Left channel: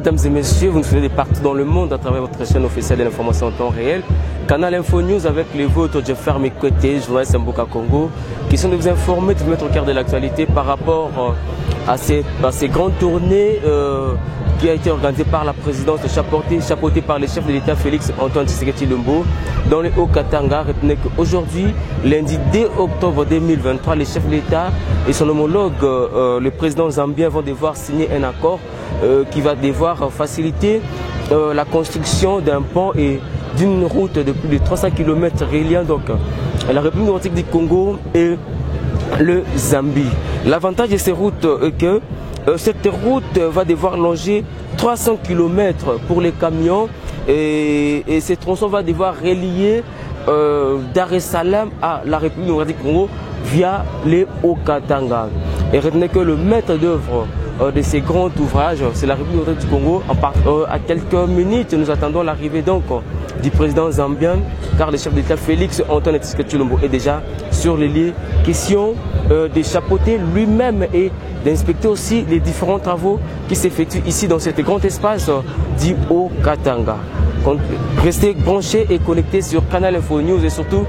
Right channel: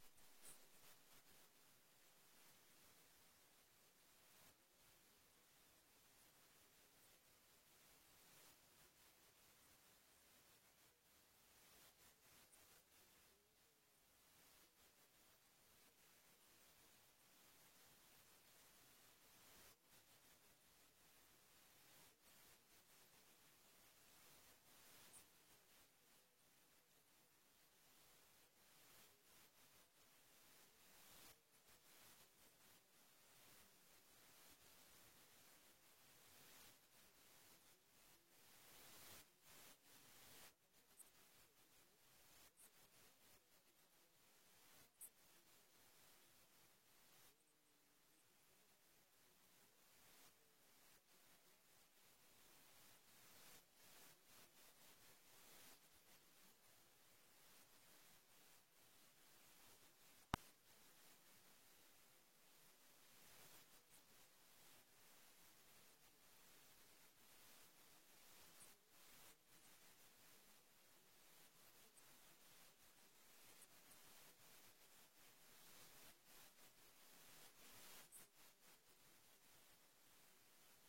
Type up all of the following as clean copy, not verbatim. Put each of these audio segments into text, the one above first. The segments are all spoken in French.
Mesdames et messieurs, vous nous suivez de partout dans le monde à travers votre chaîne officielle de l'information en temps réel. Canal Info News avec les vôtres, Jeffer Mekwete, journaliste Mboka Congo, qui sont de vous informer, de vous mettre au cœur de l'actualité par rapport à ces grandes tournées qui a été organisée par la présidence, chapeautée par le chef de l'État Félix Antoine Tshisekedi Tshilombo dans le Haut-Katanga. Retenez qu'aujourd'hui, lundi 2 octobre 2023, le chef de l'État et son homologue, le président zambien, vont devoir signer un accord qui va devoir faciliter la construction d'un pont et d'une route de plus de 300 km reliant donc la République démocratique du Congo et le Zambie. L'avantage de ces routes est que cette route va devoir longer 300 km pour les camions et ces tronçons va devoir relier Dar es Salaam à la République démocratique du Congo via les Haut-Katanga. Et retenez que le maître d'œuvre de ces grands ouvrages, c'est la République démocratique du Congo. À quelques minutes, nous attendons l'arrivée donc du président zambien, car le chef d'État Félix Antoine Tshisekedi Tshilombo est déjà sur les lieux. Question de chapeauter lui-même et d'inspecter aussi les différents travaux qui s'effectuent ici dans cet grand espace du Haut-Katanga. Restez branchés et connectés sur Canal Info News et surtout,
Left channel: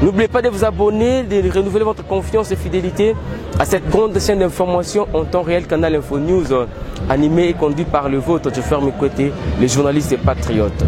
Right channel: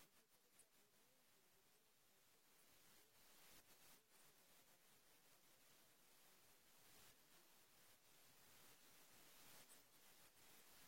n'oubliez pas de vous abonner, de renouveler votre confiance et fidélité à cette grande chaîne d'information en temps réel Canal Info News, animé et conduit par le vôtre, Jeffer Mekwete, les journalistes et patriotes.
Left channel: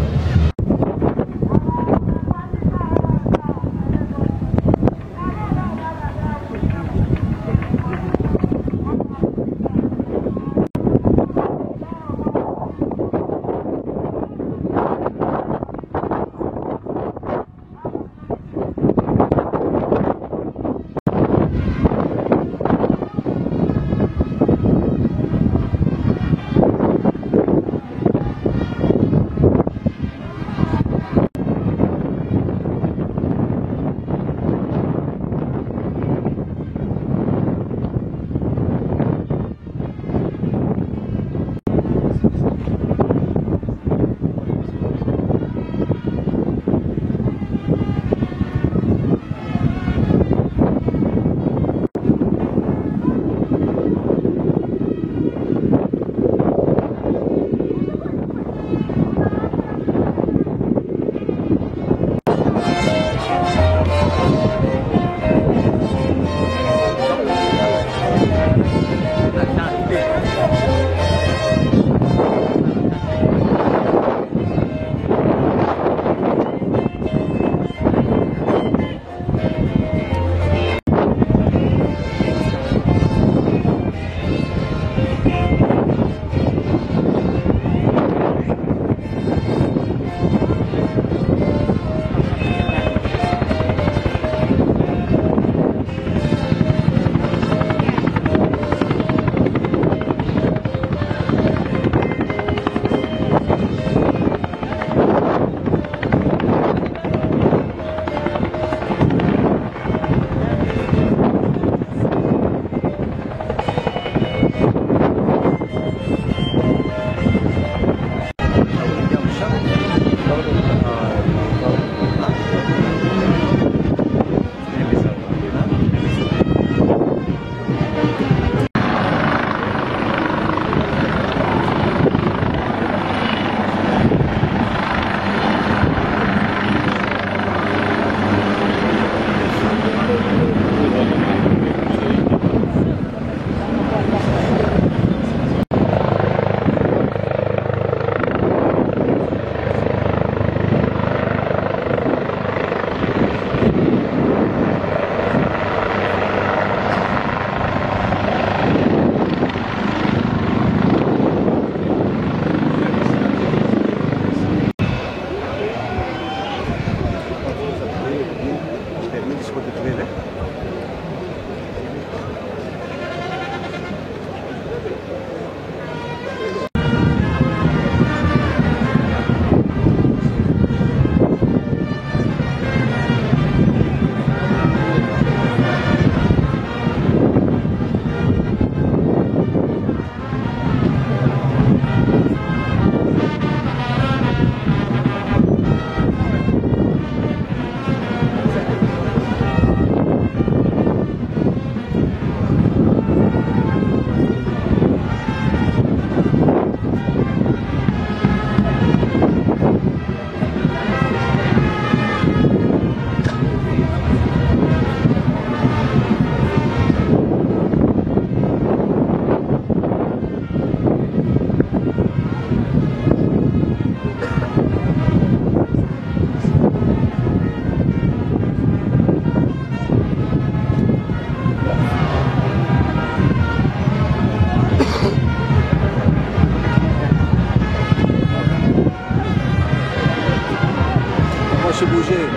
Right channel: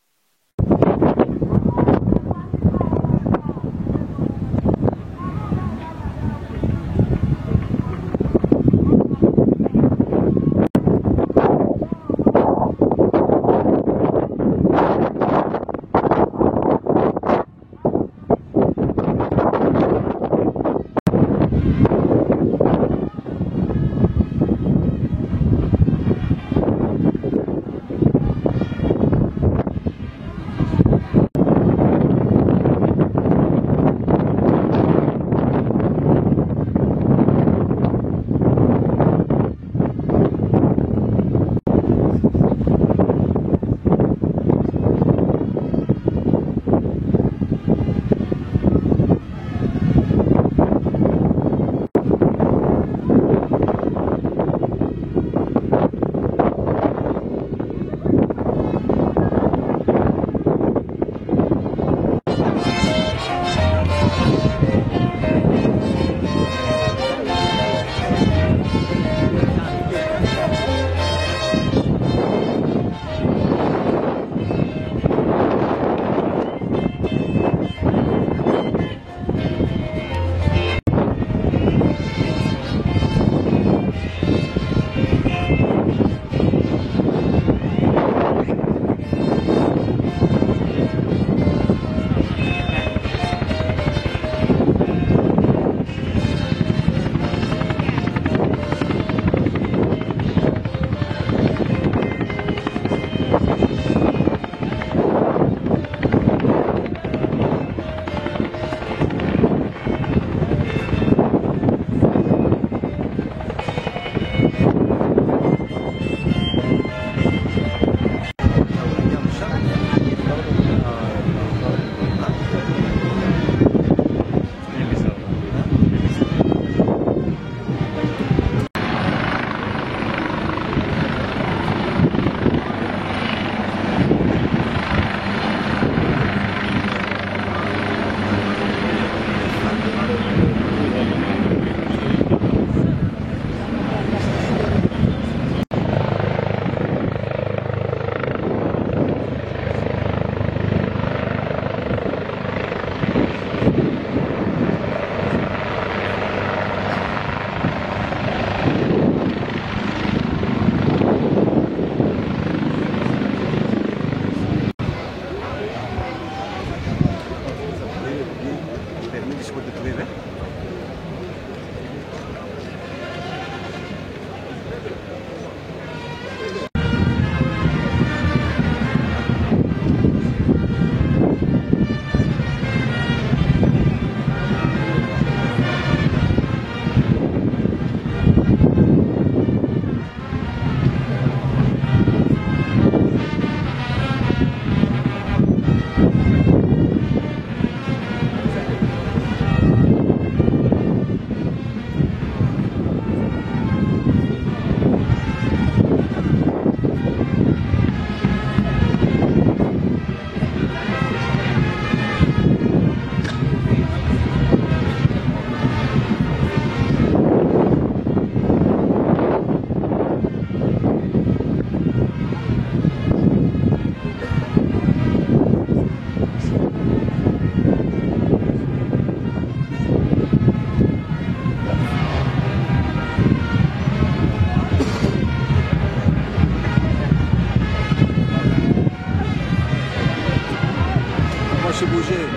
affiche bouger.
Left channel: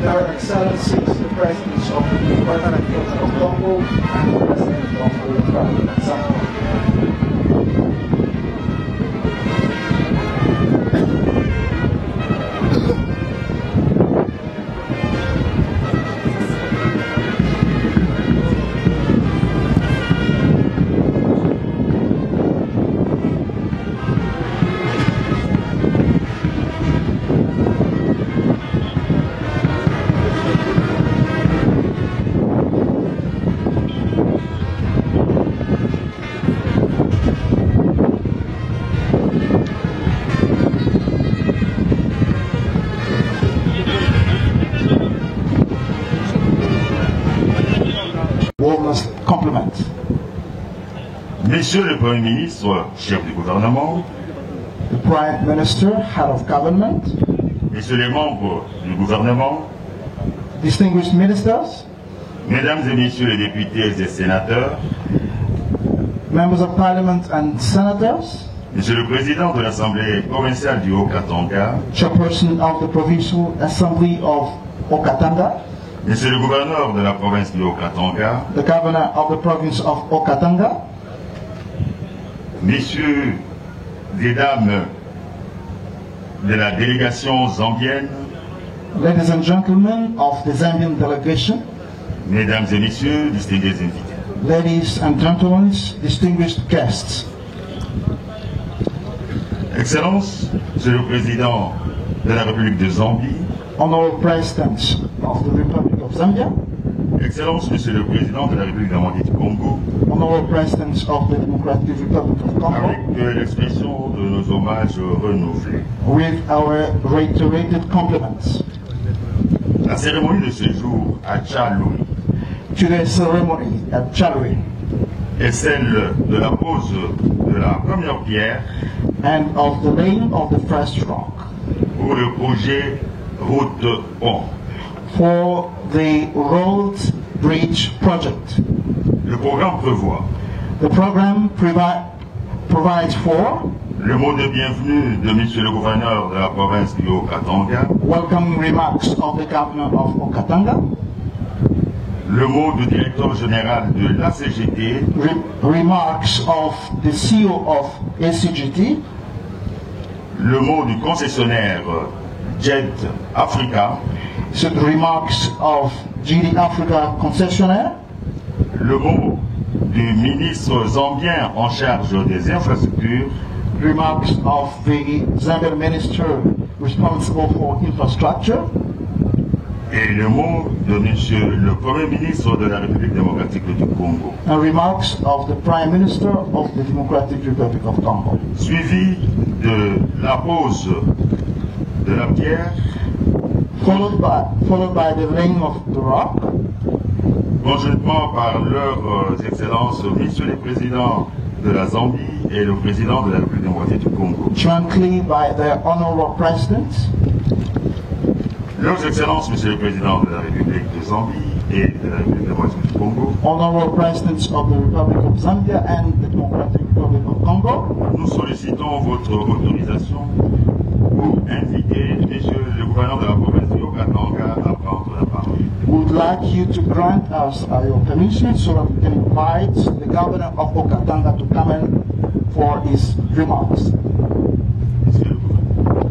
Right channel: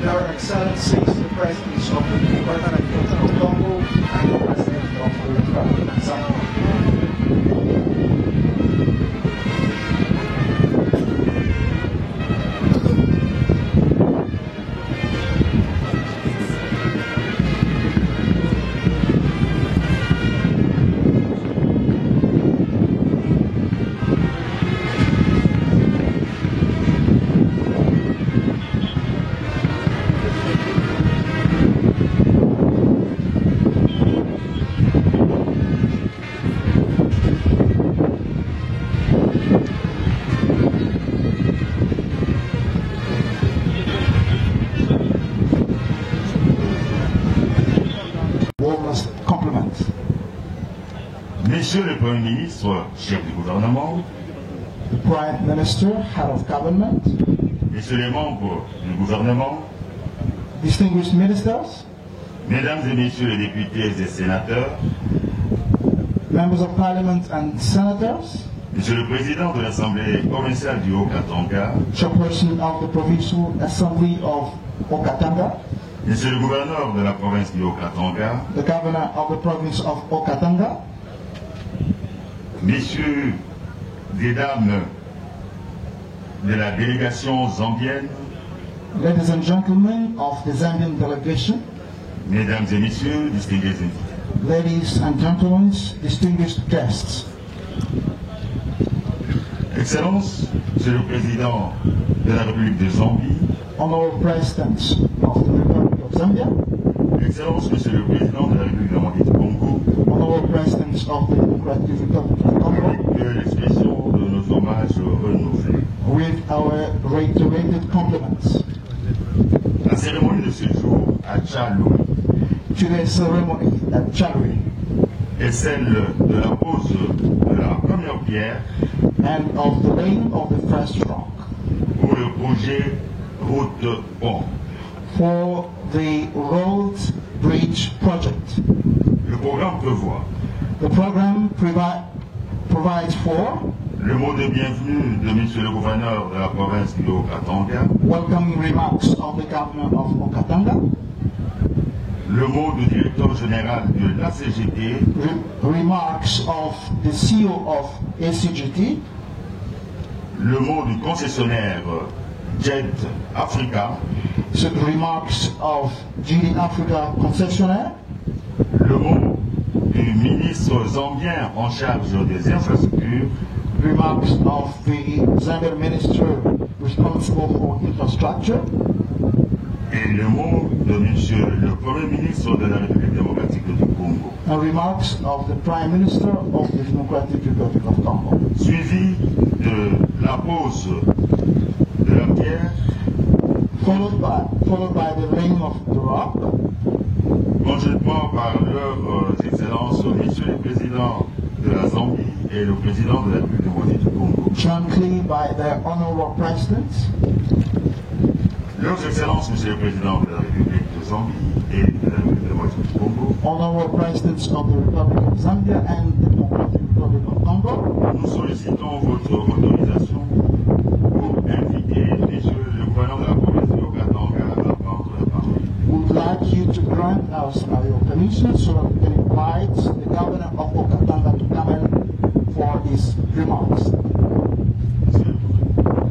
Their Excellencies, the Presidents of the Democratic Republic of Congo and the President of the Republic of Zambia. Warmest compliment. Messieurs le Premier ministre, chef du gouvernement, The Prime Minister, Head of Government, messieurs les membres du gouvernement, distinguished ministers, mesdames et messieurs les députés et sénateurs, members of Parliament and senators, monsieur le président de l'Assemblée provinciale du Haut-Katanga, chairperson of the Provincial Assembly of Okatanga, monsieur le gouverneur de la province du Haut-Katanga, the governor of the province of Okatanga, messieurs et dames de la délégation zambienne, ladies and gentlemen of the Zambian delegation, mesdames et messieurs, distingués invités. ladies and gentlemen, distinguished guests, Excellences, monsieur le président de la République de Zambie, honorable presidents of the Republic of Zambia, Excellences, monsieur le président de la République démocratique du Congo, honorable presidents of the Democratic Republic of Congo, avec l'expression de nos hommages renouvelés. with our reiterated compliments. La cérémonie de ce jour à Tchalou Today's ceremony at Chalui est celle de la pose de la première pierre and of the laying of the first rock pour le projet Route Pont. for the Road Bridge project. Le programme prévoit The program provides for le mot de bienvenue de monsieur le gouverneur de la province du Haut-Katanga, welcoming remarks of the governor of Okatanga, le mot du directeur général de l'ACGT, remarks of the CEO of ACGT, le mot du concessionnaire Jet Africa, remarks of GD Africa concessionaire, le mot du ministre zambien en charge des infrastructures, remarks of the Zambian minister responsible for infrastructure, et le mot de monsieur le Premier ministre de la République démocratique du Congo, and remarks of the Prime Minister of the Democratic Republic of Congo, suivi de la pose de la pierre, followed by the laying of the rock, conjointement par leurs excellences, messieurs les présidents de la Zambie et le président de la République démocratique du Congo. jointly by their honorable presidents, Leurs excellences, monsieur le président de la République de Zambie et de la République démocratique du Congo, honorable presidents of the Republic of Zambia and the Democratic Republic of Congo, nous sollicitons votre autorisation pour inviter messieurs le gouverneur de la province du Haut-Katanga à prendre la parole. we would like you to grant us your permission so that we can invite the governor of Okatanga to come in for his remarks. Monsieur le gouverneur.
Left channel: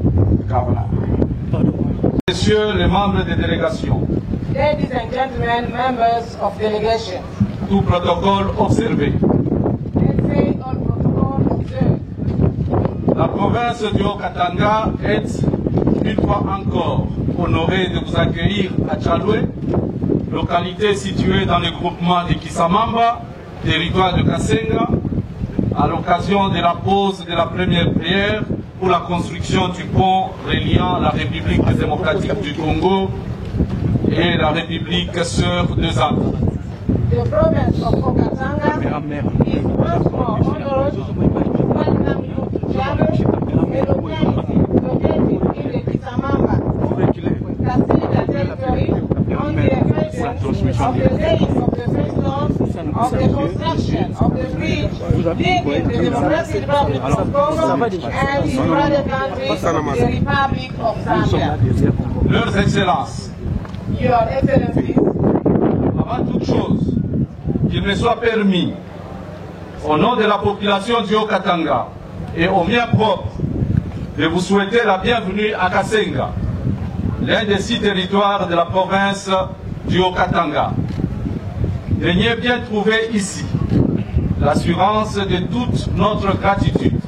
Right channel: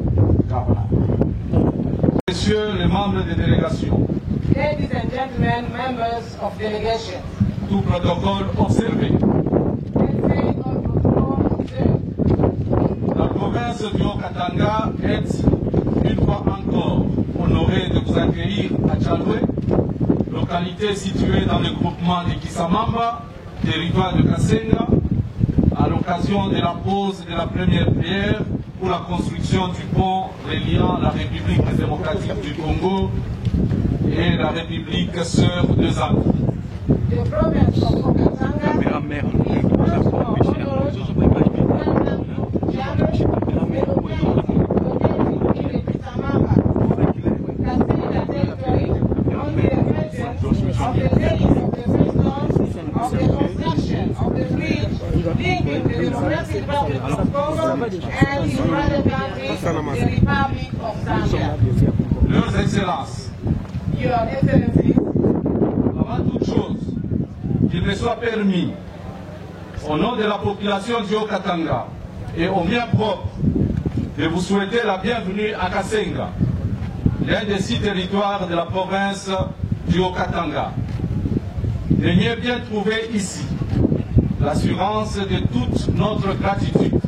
Governor. Messieurs les membres des délégations, Ladies and gentlemen, members of delegation. Tout protocole observé. Let's say all protocol observed. La province du Haut-Katanga est, une fois encore, honorée de vous accueillir à Tchaloué, localité située dans le groupement de Kisamamba, territoire de Kasenga, à l'occasion de la pose de la première pierre pour la construction du pont reliant la République démocratique du Congo et la République sœur de Zambie. The province of Haut-Katanga is once more honored to welcome you to Tchaloué, located in the Kisamamba, Kasenga territory, on the occasion of the laying of the first stones of the construction of the bridge linking the Democratic Republic of Congo and its brother country, the Republic of Zambia. Leurs Excellences, Your Excellencies, avant toute chose, qu'il me soit permis, au nom de la population du Haut-Katanga et au mien propre, de vous souhaiter la bienvenue à Kasenga, l'un des 6 territoires de la province du Haut-Katanga. Daignez bien trouver ici l'assurance de toute notre gratitude.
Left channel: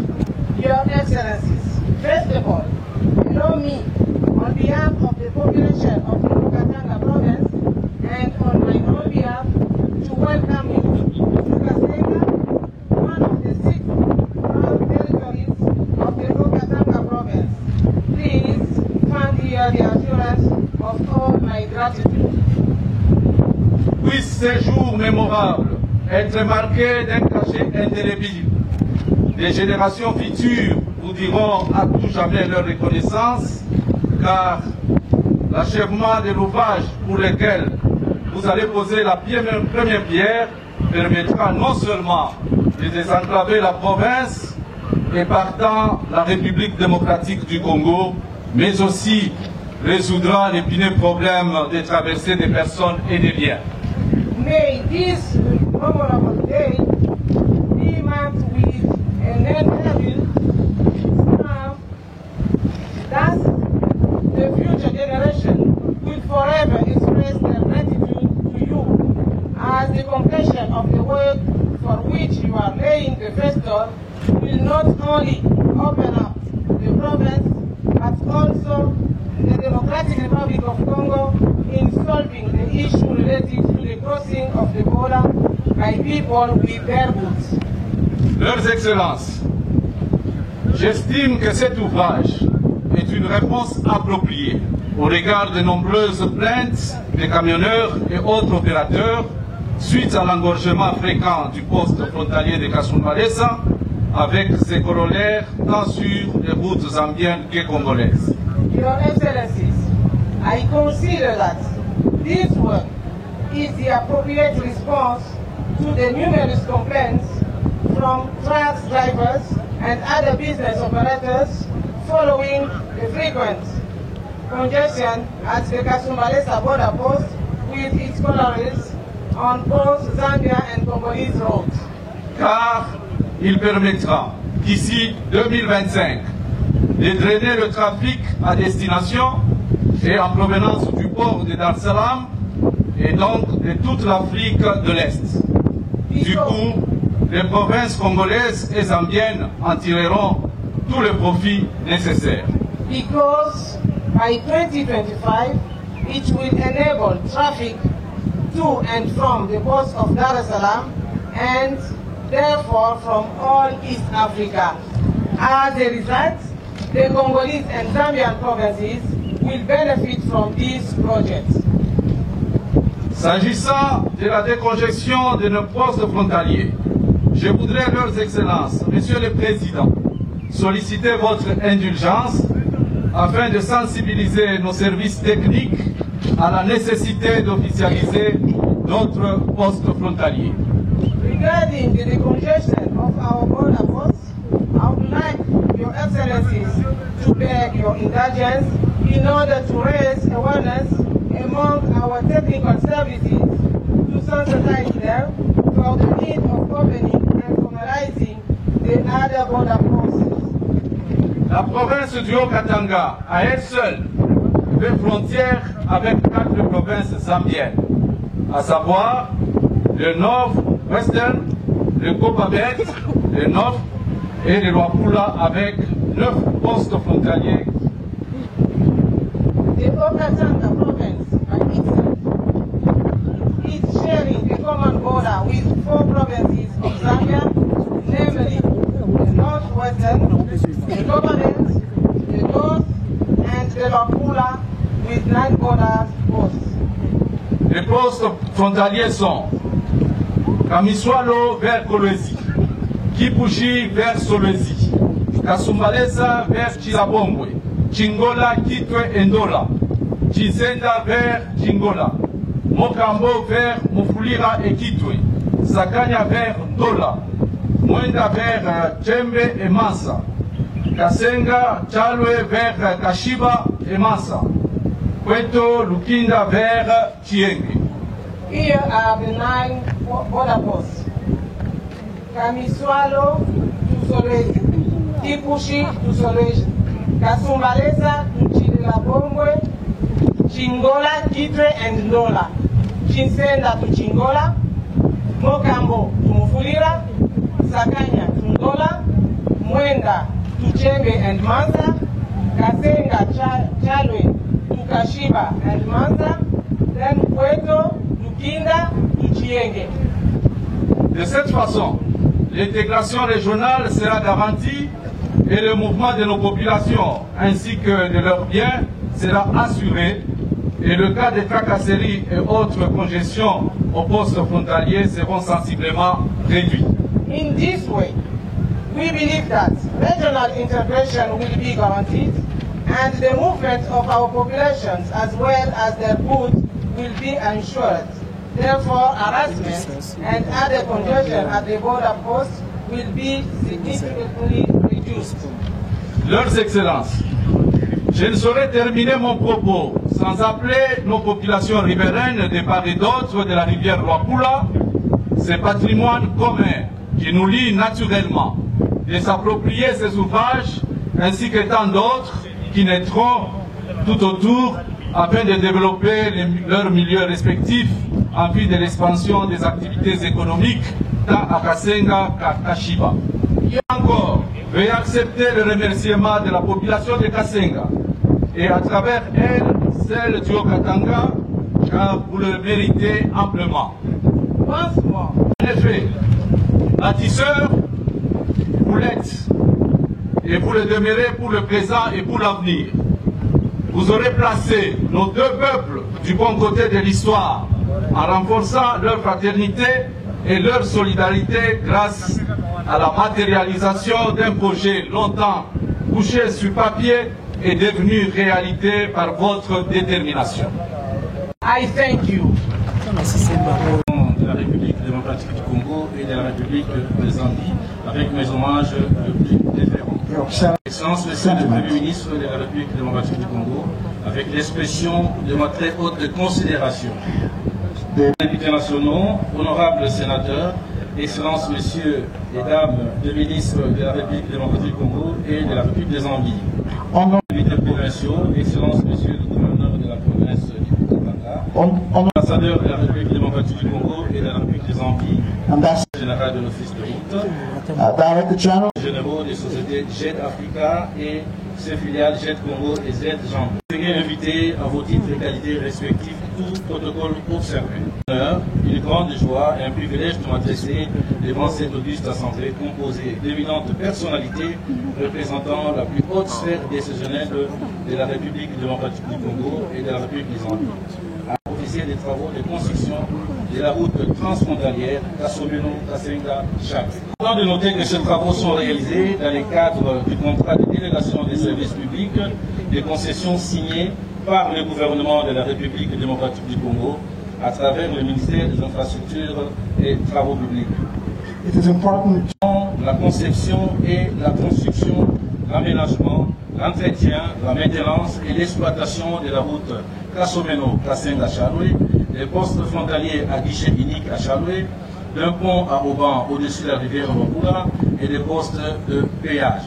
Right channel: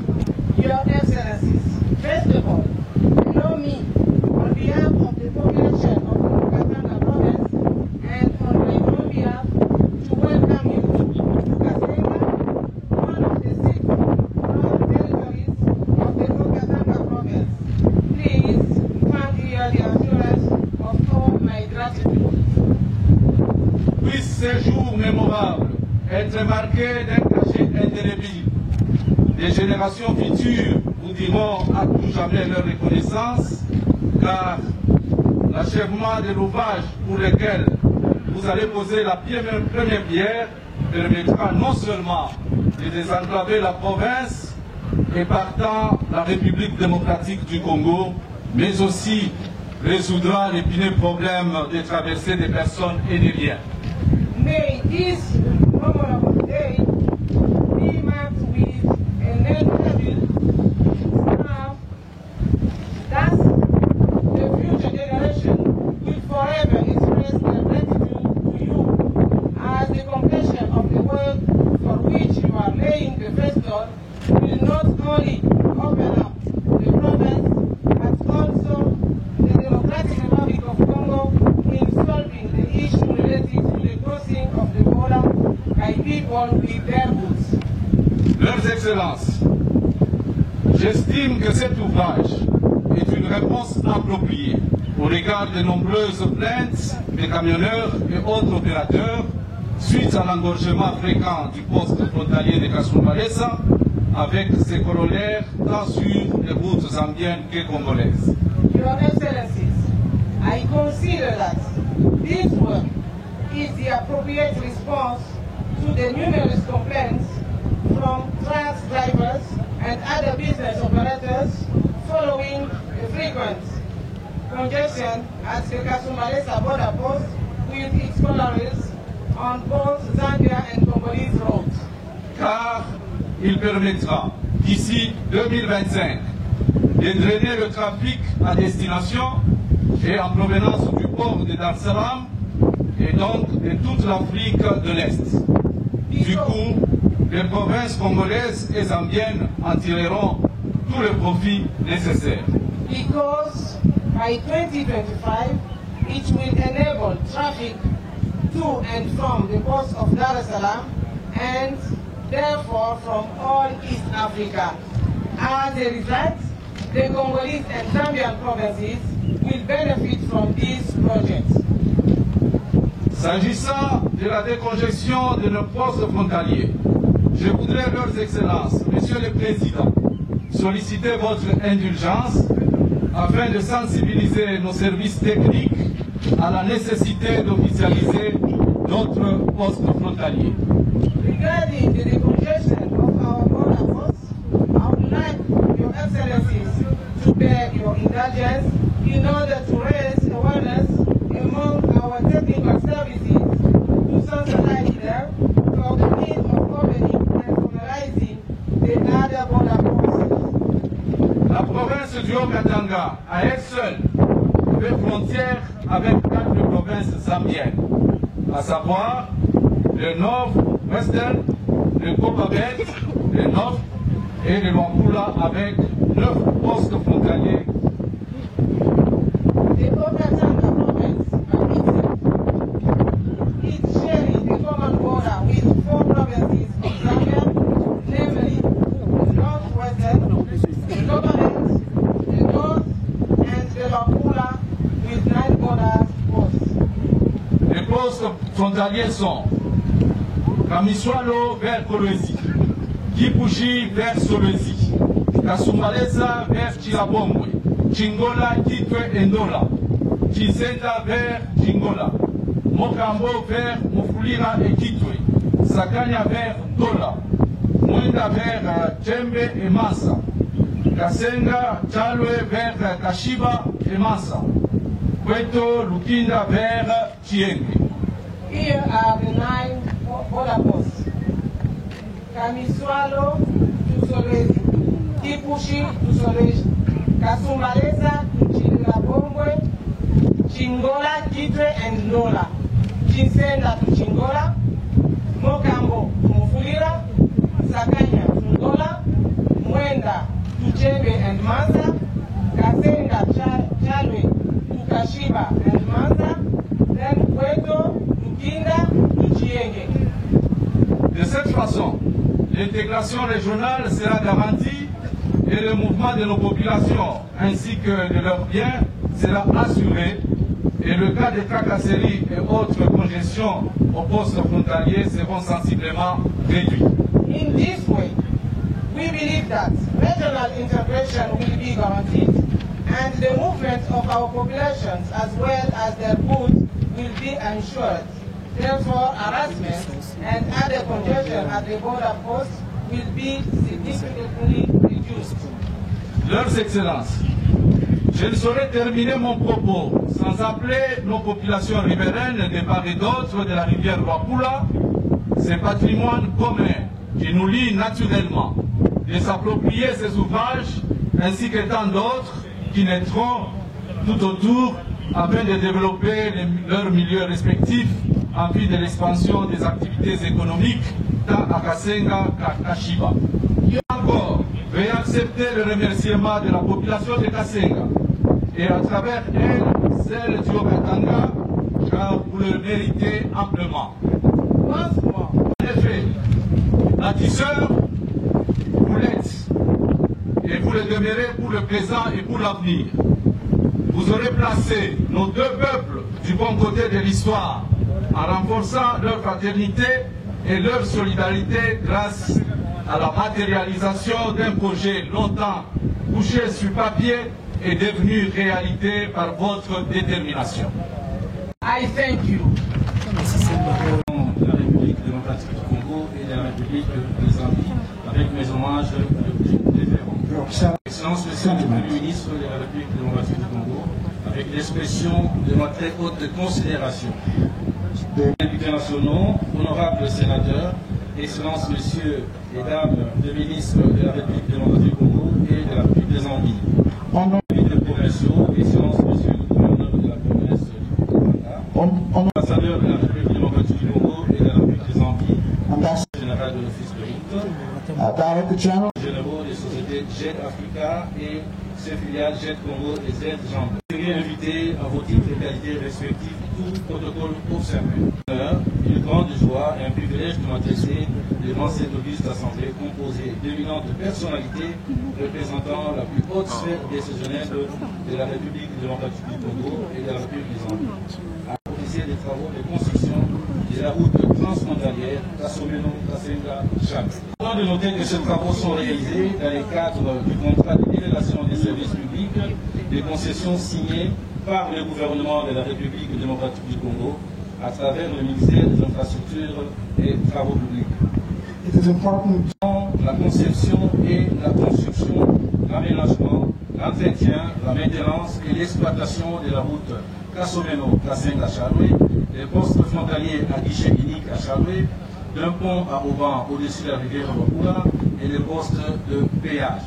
Your Excellencies, first of all, allow me, on behalf of the population of the Haut-Katanga province and on my own behalf, to welcome you to Kasenga, one of the 6 proud territories of the Haut-Katanga province. Please find here the assurance of all my gratitude. Puisse ces jours mémorables être marqués d'un cachet indélébile. Des générations futures vous diront à tout jamais leur reconnaissance, car l'achèvement de l'ouvrage pour lequel vous allez poser la première pierre permettra non seulement de désenclaver la province et partant la République démocratique du Congo, mais aussi résoudra l'épineux problème de traversée des personnes et des biens. May this memorable day be marked with an indelible stamp that the future generation will forever express their gratitude to you as the completion of the work for which you are laying the first stone will not only open up the province but also the Democratic Republic of Congo in solving the issue related to the crossing of the border by people with their goods. Leurs Excellences, j'estime que cet ouvrage est une réponse appropriée au regard de nombreuses plaintes des camionneurs et autres opérateurs suite à l'engorgement fréquent du poste frontalier de Kasumbalesa avec ses corollaires tant sur les routes zambiennes que congolaises. Your Excellencies, I consider that this work is the appropriate response to the numerous complaints from truck drivers and other business operators following the frequent congestion at the Kasumbalesa border post with its corollaries on both Zambia and Congolese roads. Car il permettra, d'ici 2025, de drainer le trafic à destination et en provenance du port de Dar es Salaam et donc de toute l'Afrique de l'Est. Du coup, les provinces congolaises et zambiennes en tireront tous les profits nécessaires. Because by 2025, it will enable traffic to and from the ports of Dar es Salaam and therefore from all East Africa. As a result, the Congolese and Zambian provinces will benefit from these projects. S'agissant de la décongestion de nos postes frontaliers, je voudrais, Leurs Excellences, Monsieur le Président, solliciter votre indulgence afin de sensibiliser nos services techniques à la nécessité d'officialiser d'autres postes frontaliers. Regarding the decongestion of our border posts, I would like Your Excellencies to beg your indulgence in order to raise awareness among our technical services to sensitize them for the need of opening and formalizing the other border posts. La province du Haut-Katanga, à elle seule, fait frontière avec 4 provinces zambiennes, à savoir le Nord-Western, le Copabet, le Nord et le Luapula avec 9 postes frontaliers. The Okatanga province by itself is sharing a common border with 4 provinces of Zambia, namely the Northwestern, the Copabet, the North, and the Luapula with 9 border posts. Les postes frontaliers sont Kamiswalo vers Kolwezi, Kipushi vers Solwezi, Kasumbalesa vers Chilabongwe, Chingola, Kitwe et Ndola, Chizenda vers Chingola, Mokambo vers Mufulira et Kitwe, Sakanya vers Ndola, Mwenda vers Tchembe et Mansa, Kasenga, Chalwe vers Kashiba et Mansa, Kweto, Lukinda vers Chienge. Here are the 9 border posts. Kamiswalo to Solwezi, Kipushi to Solwezi, Kasumbalesa to Chilabongwe, Chingola, Kitwe and Ndola, Chinsenda to Chingola, Mokambo to Mufulira, Sakanya to Ndola, Mwenda to Chembe and Mansa, Kasenga, Chalwe to Kashiba and Mansa, then Kweto, Lukinda to Chienge. De cette façon, l'intégration régionale sera garantie et le mouvement de nos populations ainsi que de leurs biens sera assuré et le cas de tracasseries et autres congestions aux postes frontaliers seront sensiblement réduits. In this way, we believe that regional integration will be guaranteed and the movement of our populations as well as their goods will be ensured. Therefore, harassment and other congestion at the border posts will be significantly reduced. Leurs Excellences, je ne saurais terminer mon propos sans appeler nos populations riveraines de part et d'autre de la rivière Luapula, ce patrimoine commun qui nous lie naturellement, de s'approprier ces ouvrages ainsi que tant d'autres qui naîtront tout autour afin de développer leurs milieux respectifs en vue de l'expansion des activités économiques tant à Kasenga qu'à Kashiba. Encore, veuillez accepter le remerciement de la population de Kasenga et à travers elle, celle du Okatanga, car vous le méritez amplement. Once more, En effet, bâtisseurs, vous l'êtes et vous le demeurez pour le présent et pour l'avenir. Vous aurez placé nos 2 peuples du bon côté de l'histoire en renforçant leur fraternité et leur solidarité grâce à la matérialisation d'un projet longtemps couché sur papier et devenu réalité par votre détermination. I thank you. De la République démocratique du Congo et de la République de Zambie, avec mes hommages le plus déférents. Excellence, Monsieur le Premier ministre de la République démocratique du Congo, avec l'expression de ma très haute considération. Députés nationaux, honorables sénateurs, Excellences, Messieurs et Dames les ministres de la République démocratique du Congo et de la République de Zambie. Députés provinciaux, Excellences, Messieurs le gouverneur de la province du Okatanga, ambassadeur de la République démocratique du Congo et de la République de Zambie, général de l'Office de route, généraux des sociétés JET Africa et ses filiales JET Congo et JET Zambie. Veuillez inviter à vos titres et qualités respectifs tout protocole observé. Une grande joie et un privilège de m'adresser devant cette auguste assemblée composée d'éminentes personnalités représentant la plus haute sphère décisionnelle de la République démocratique du Congo et de la République des Zambie. À officier des travaux de construction de la route transfrontalière Kasomeno-Kasenga-Cham. Avant de noter que ces travaux sont réalisés dans le cadre du contrat de délégation des services publics, des concessions signées par le gouvernement de la République démocratique du Congo à travers le ministère des Infrastructures et Travaux publics. La conception et la construction, l'aménagement, l'entretien, la maintenance et l'exploitation de la route Kasomeno-Kasenga-Chalwe, des postes frontaliers à guichet unique à Chalwe, d'un pont à Auban au-dessus de la rivière Luapula et des postes de péage.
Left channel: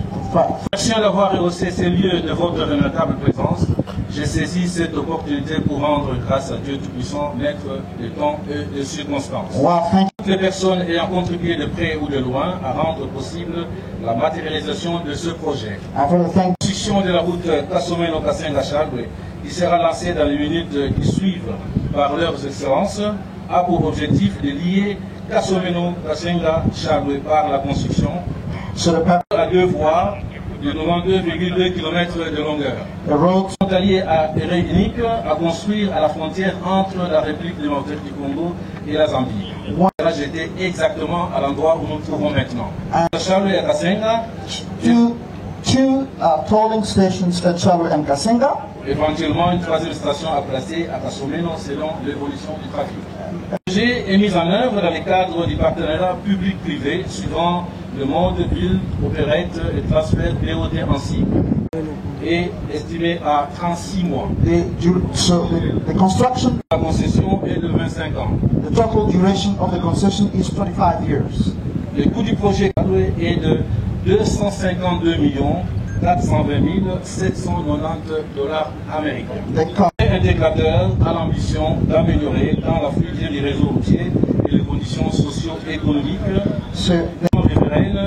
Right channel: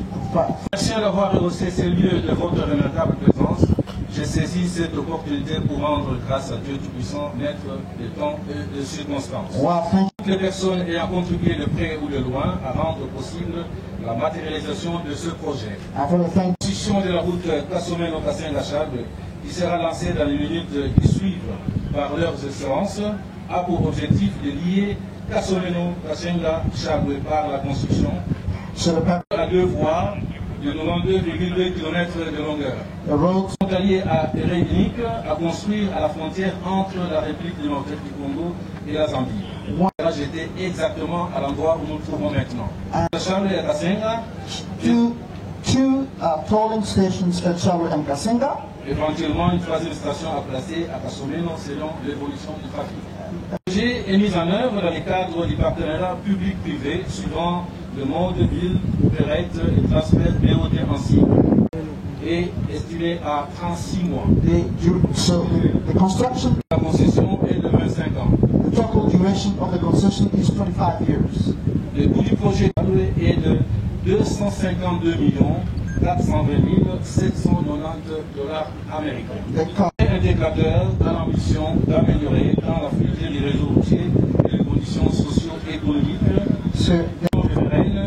Merci d'avoir rehaussé ces lieux de votre remarquable présence. j'ai saisi cette opportunité pour rendre grâce à Dieu Tout-Puissant, maître des temps et des circonstances. Toutes les personnes ayant contribué de près ou de loin à rendre possible la matérialisation de ce projet. La construction de la route Kasomeno-Kasenga-Chalwe, qui sera lancée dans les minutes qui suivent par leurs excellences, a pour objectif de lier Kasomeno-Kasenga-Chalwe par la construction à 2 voies de 92,2 km de longueur. Le road frontalier à unique à construire à la frontière entre la République démocratique du Congo et la Zambie. Là, j'étais exactement à l'endroit où nous nous trouvons maintenant. Chalwe et Kasenga, two tolling stations at Chalwe and Kasenga. Éventuellement, une 3e station à placer à Kasomeno selon l'évolution du trafic. Le projet est mis en œuvre dans le cadre du partenariat public-privé suivant le mode ville, opérette et transfert BOT en cycle et estimé à 36 mois. The construction, la concession est de 25 ans. The total duration of the concession is 25 years. Le coût du projet est de 252 420 790 $ américains. Un déclarateur a l'ambition d'améliorer dans la fluidité du réseau routier et les conditions socio-économiques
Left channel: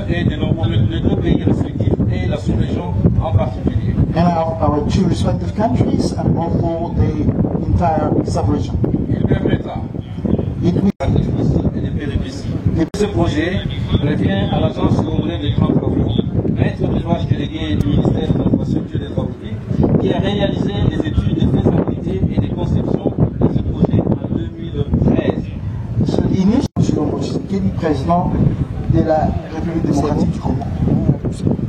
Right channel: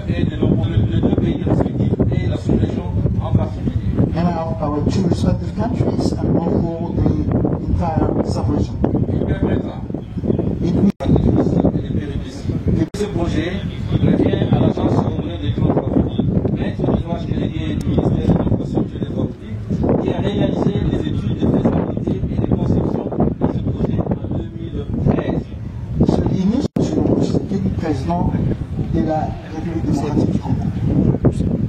et de nos 2 pays respectifs et la sous-région en particulier. And our 2 respective countries and also the entire sub-region. Il permettra ce projet revient à l'Agence congolaise des grands travaux, maître d'ouvrage délégué du ministère de l'Infrastructure et des Travaux publics, qui a réalisé les études de faisabilité et de conception de ce projet en 2013. C'est le président de la République démocratique du Congo.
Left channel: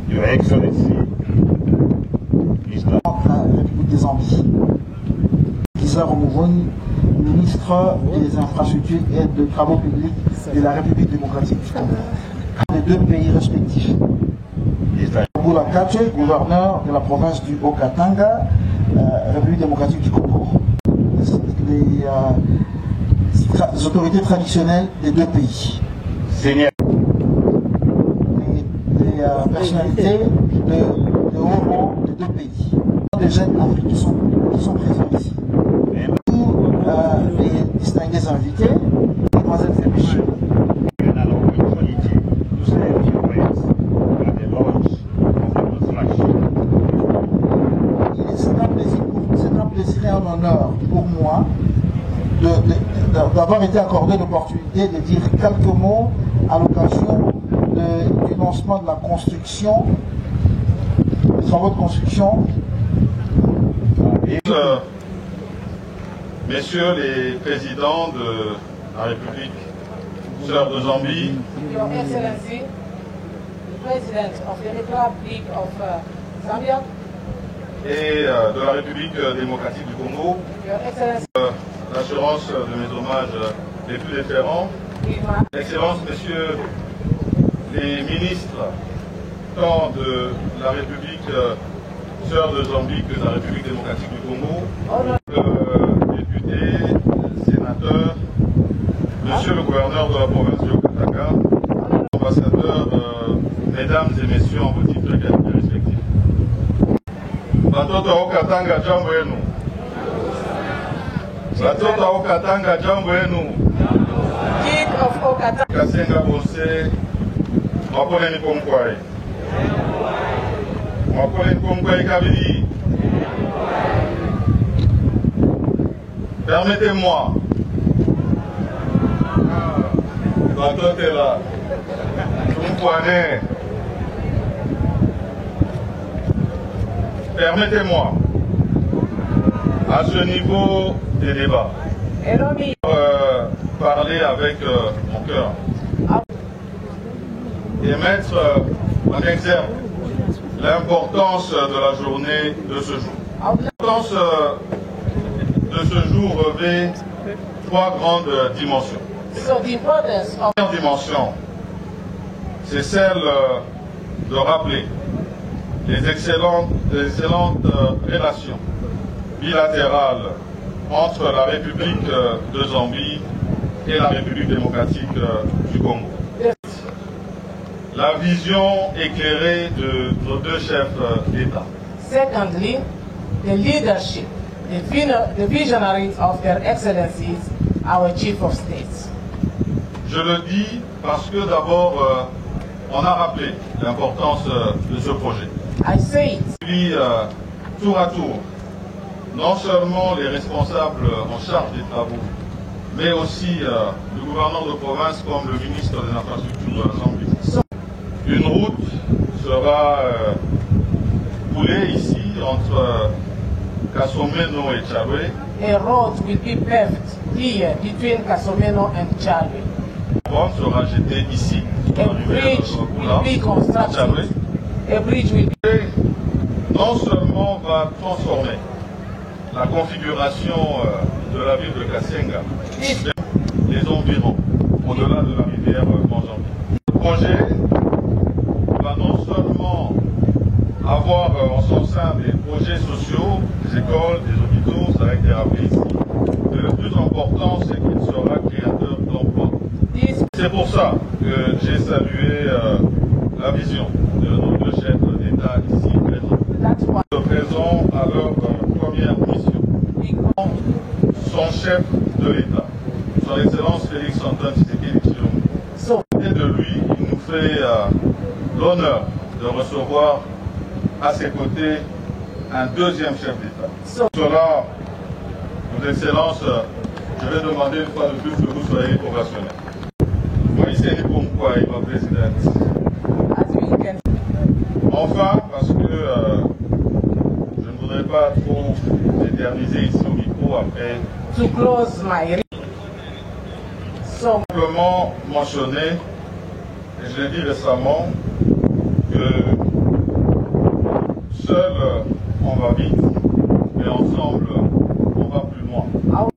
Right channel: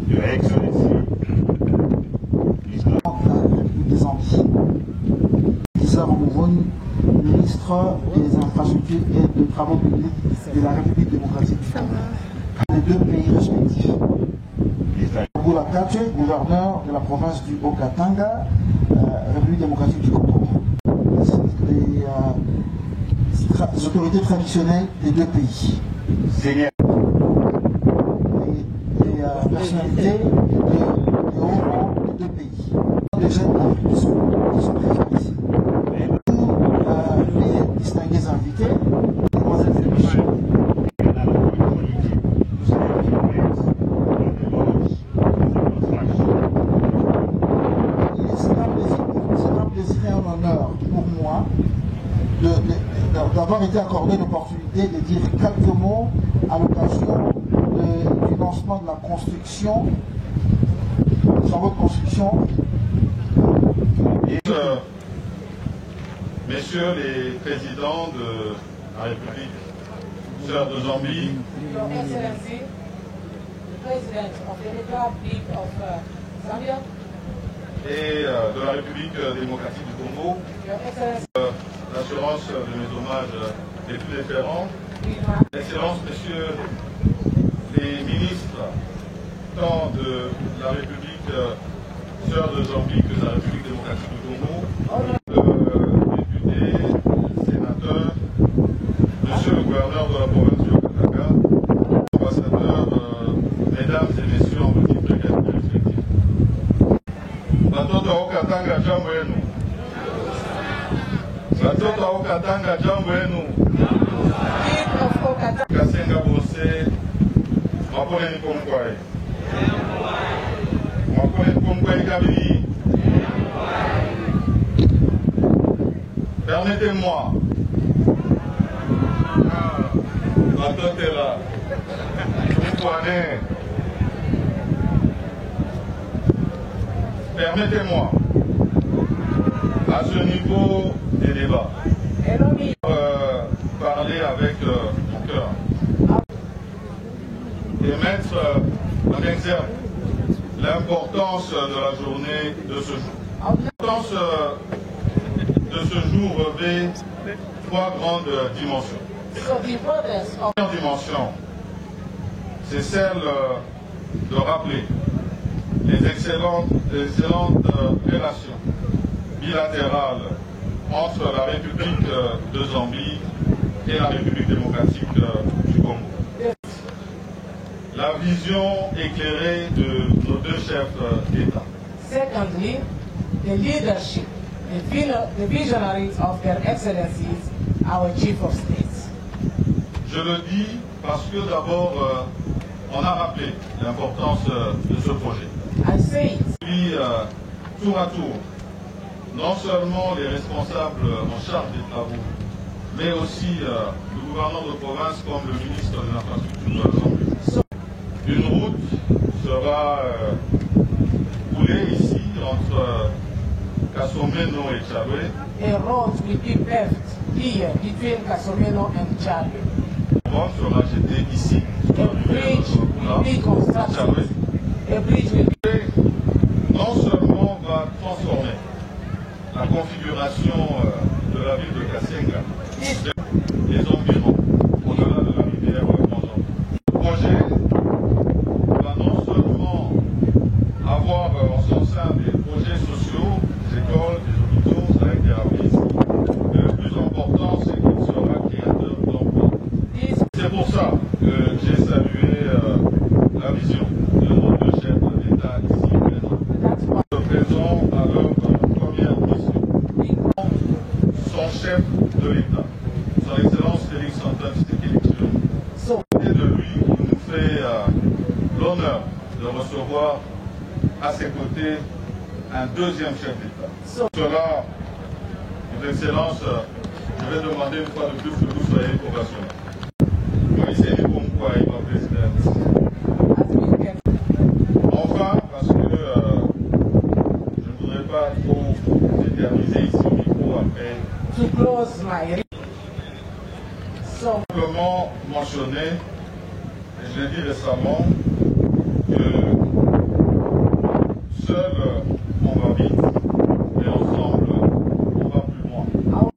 Your Excellency, La République des Zambies. Lisa Romoroni, ministre des Infrastructures et des Travaux publics de la République démocratique du Congo. Les 2 pays respectifs. Boula Kache, gouverneur de la province du Haut-Katanga, République démocratique du Congo. Les autorités traditionnelles des 2 pays. Seigneur. Les personnalités de haut rang des 2 pays. Des jeunes africains qui sont présents ici. Les distingués invités, Mademoiselle Fébichi. C'est un plaisir et un honneur pour moi d'avoir été accordé l'opportunité de dire quelques mots à l'occasion du lancement de la construction, des travaux de construction. Messieurs les présidents de la République sœur de Zambie, Your Excellency, the President of the Republic of Zambia, et de la République démocratique du Congo, Your Excellency, l'assurance de mes hommages les plus déférents, Excellences, Messieurs les ministres, tant de la République sœur de Zambie que de la République démocratique du Congo, députés, sénateurs, Monsieur le gouverneur de la province du Haut-Katanga, ambassadeurs, mesdames et messieurs en vos titres respectifs. Batoto Haut-Katanga, jambo yenu. Batoto Haut-Katanga, jambo yenu. King of Haut-Katanga. Kasenga Bose, Mapole Nipomkwai. Mapole Nipomkwai Kabili. Permettez-moi. Batoto est là. Permettez-moi, à ce niveau des débats, parler avec mon cœur et mettre en exergue l'importance de la journée de ce jour. L'importance de ce jour revêt 3 grandes dimensions. La première dimension, c'est celle de rappeler les excellentes relations bilatérales entre la République de Zambie et la République démocratique du Congo. La vision éclairée de nos 2 chefs d'État. Secondly, the leadership, the visionaries of their excellencies, our chief of states. Je le dis parce que d'abord, on a rappelé l'importance de ce projet. I say it. Puis, tour à tour, non seulement les responsables en charge des travaux, mais aussi le gouverneur de province comme le ministre des Infrastructures. Une route sera coulée ici entre Kasomeno et Tchabé. A road will be paved here between Kasomeno and Tchabé. La bombe sera jetée ici. A bridge will be constructed. A bridge will be... Non seulement va transformer la configuration de la ville de Kassenga, les environs, au-delà de la rivière Manjambi. Le projet va non seulement avoir en son sein des projets sociaux, des écoles, des hôpitaux, ça a été rappelé ici, mais le plus important, c'est qu'il sera créateur d'emplois. C'est pour ça que j'ai salué la vision de nos deux chefs d'État ici présents. Présents à leur première mission. Son chef de l'État, son Excellence Félix Antoine Tshisekedi Tshilombo. Et de lui, il nous fait l'honneur de recevoir à ses côtés un deuxième chef d'État. Cela, Vos Excellences, je vais demander une fois de plus que vous soyez opérationnels. Enfin, parce que je ne voudrais pas trop m'éterniser ici au micro après. To close my... Simplement mentionner, et je l'ai dit récemment, que seul on va vite, mais ensemble on va plus loin.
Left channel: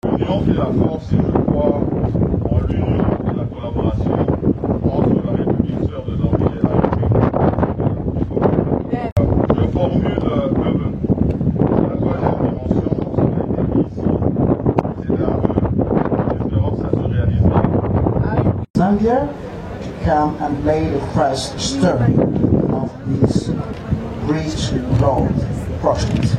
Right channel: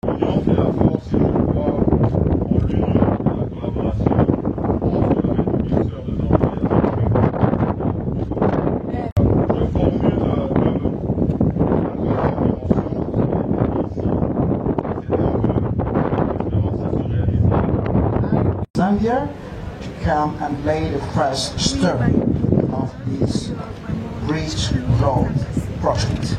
L'union fait la force et je crois en l'union et la collaboration entre la République sœur de Zambie et la République du Congo. Je formule le vœu. La troisième dimension, ce qui a été dit ici, c'est un vœu. J'espère que ça se réalisera. Zambia to come and lay the first stone of this bridge road project.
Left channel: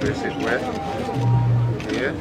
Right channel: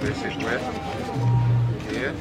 Basic wet here.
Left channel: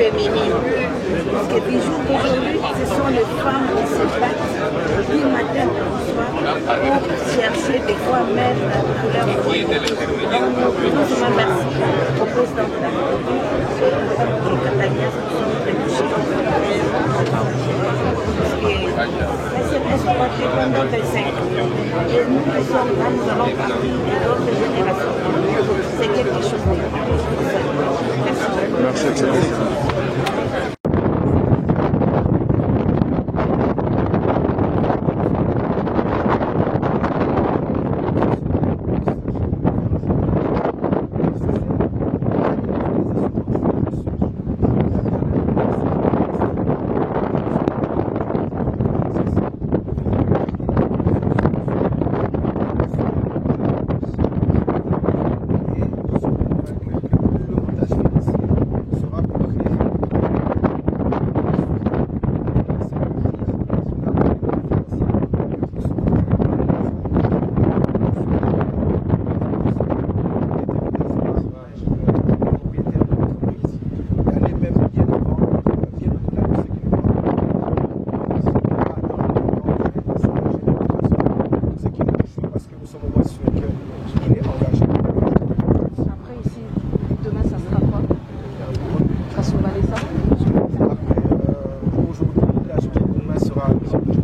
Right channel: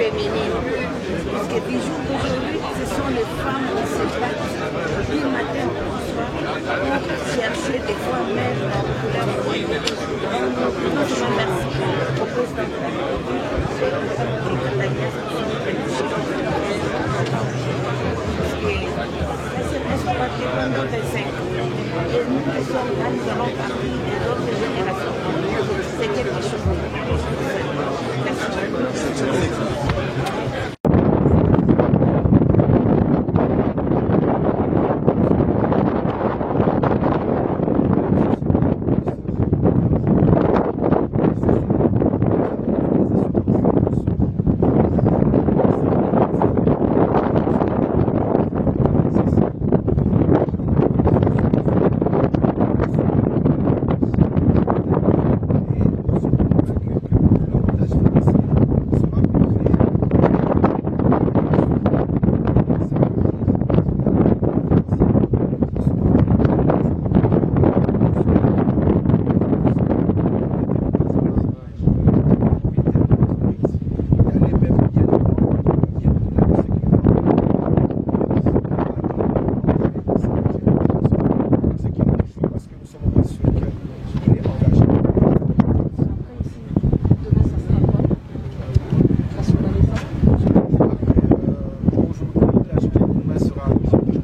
féminine. Parce que du jour d'aujourd'hui, ce sont les femmes qui se battent du matin au soir pour chercher des fois même leur vie. Donc, je remercie au président de la République et Catania qui sont touchés. Elles sont parties pendant 25 ans. Et nous qui sommes là, nous allons partir de d'autres générations. C'est quelque chose de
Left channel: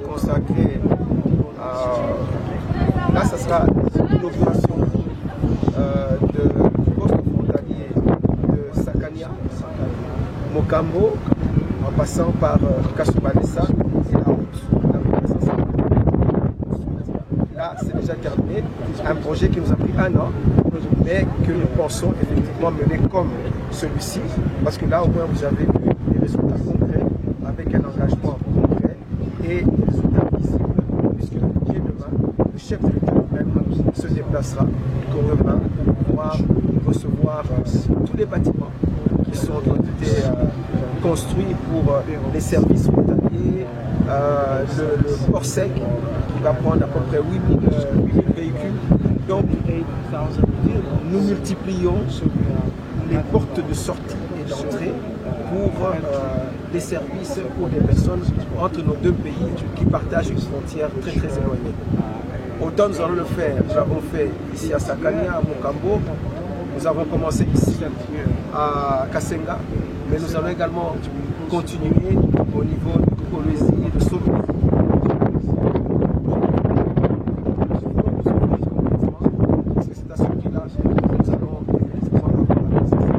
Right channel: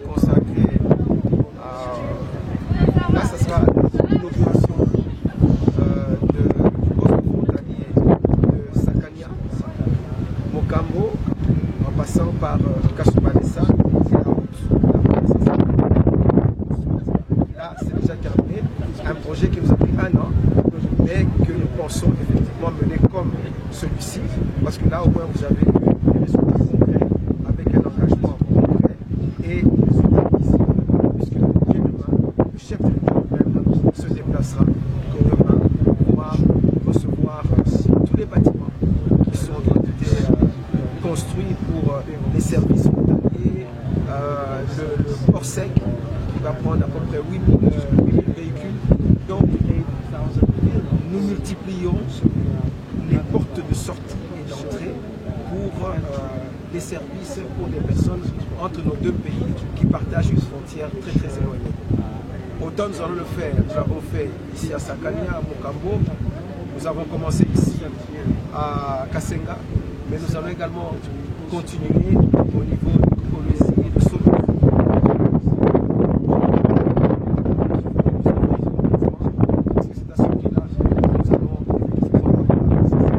consacré à... Là, ça sera l'inauguration du poste frontalier de Sakania, Mokambo, en passant par Kasoubalessa et la route. Là, c'est déjà terminé. Un projet qui nous a pris 1 an, mais que nous pensons effectivement mener comme celui-ci, parce que là, au moins, vous avez eu des résultats concrets, avec un engagement concret et des résultats visibles, puisque dès demain, le chef de l'État même se déplacera pour pouvoir recevoir tous les bâtiments qui sont été construits pour les services frontaliers, le port sec qui va prendre à peu près 8000 véhicules. Donc nous multiplions les portes de sortie et d'entrée pour des services pour des personnes entre nos deux pays qui partagent une frontière très très éloignée. Autant nous allons le faire, nous l'avons fait ici à Sakania, à Mokambo, nous avons commencé ici à Kasenga, mais nous allons également continuer au niveau de Colosie et de Solo. Parce que c'est à ce prix-là nous allons effectivement avoir la présence.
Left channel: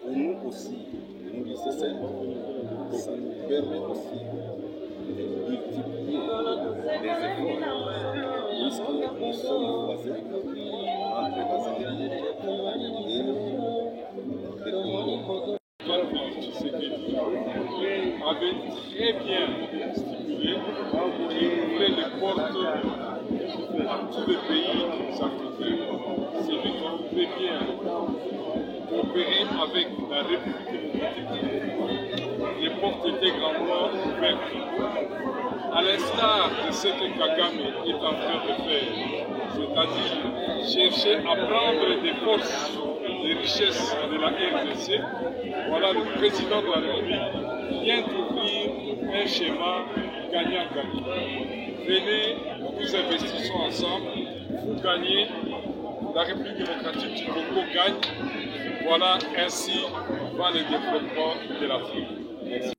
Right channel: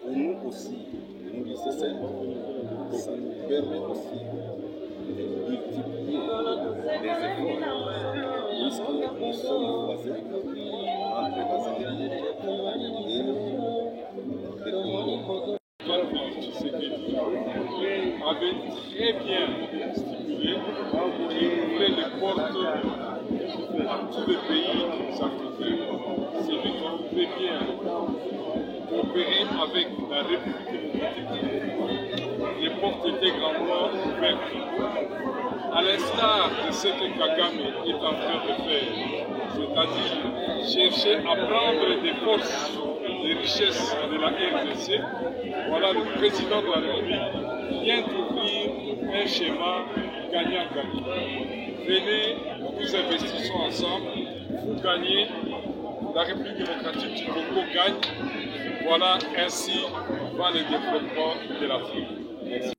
Pour nous aussi, nous lycéens, ça nous permet aussi de multiplier les efforts, puisque nous sommes voisins entre la Zambie et le Congo. Avait très bien stipulé qu'il ouvrait les portes à tous les pays africains. C'est lui qui voulait bien coopérer avec la République démocratique. Les portes étaient grandement ouvertes. À l'instar de ce que Kagame est en train de faire, c'est-à-dire chercher à prendre des forces, des richesses de la RDC, voilà le président de la République vient d'ouvrir un schéma gagnant-gagnant. Venez, nous investissons ensemble, vous gagnez, la République démocratique du Congo gagne. Voilà ainsi va le développement de l'Afrique. Merci.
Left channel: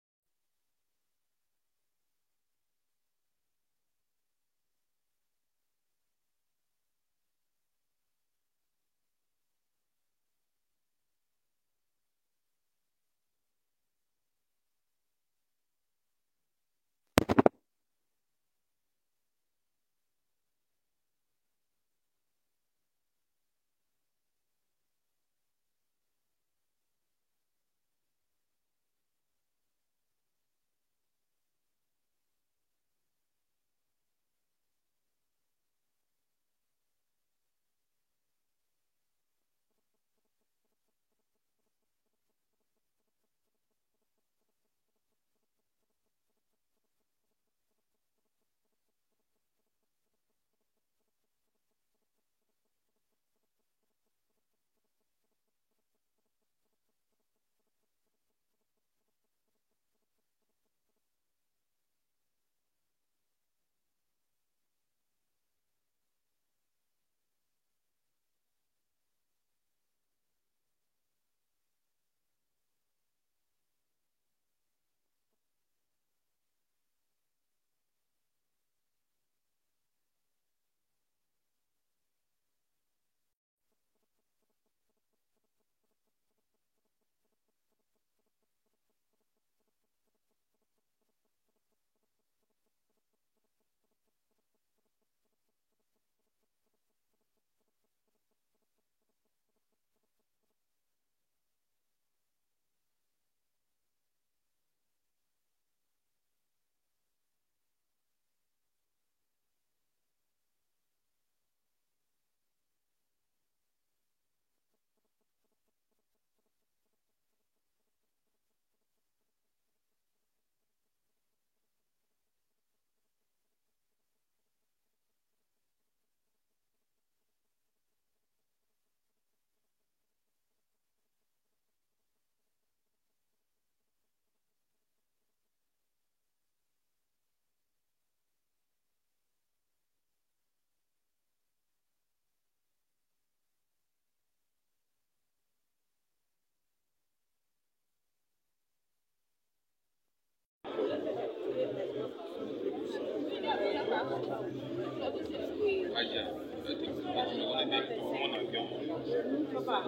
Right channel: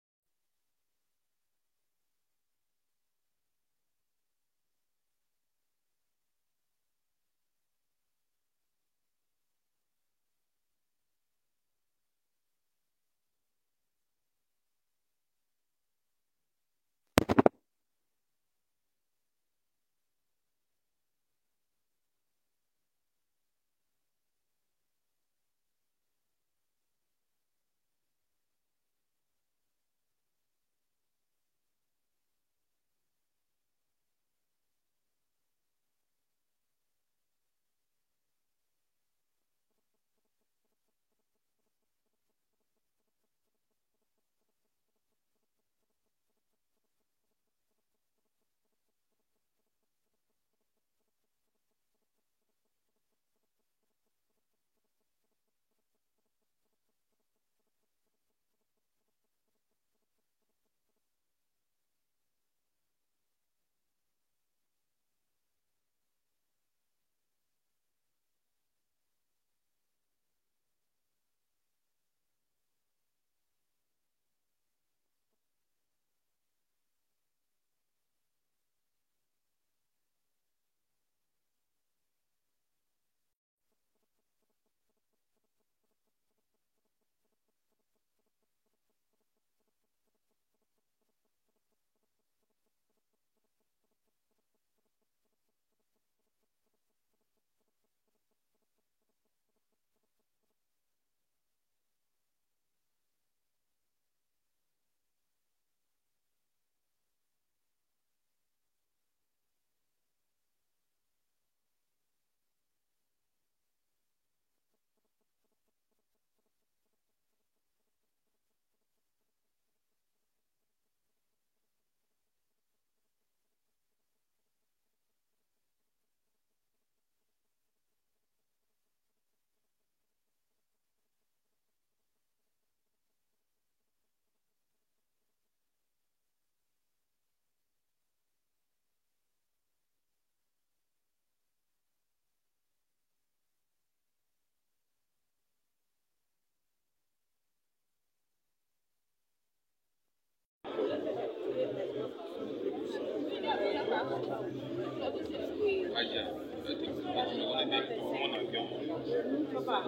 Aja, tumeona ndio tumeona ndio. Papa,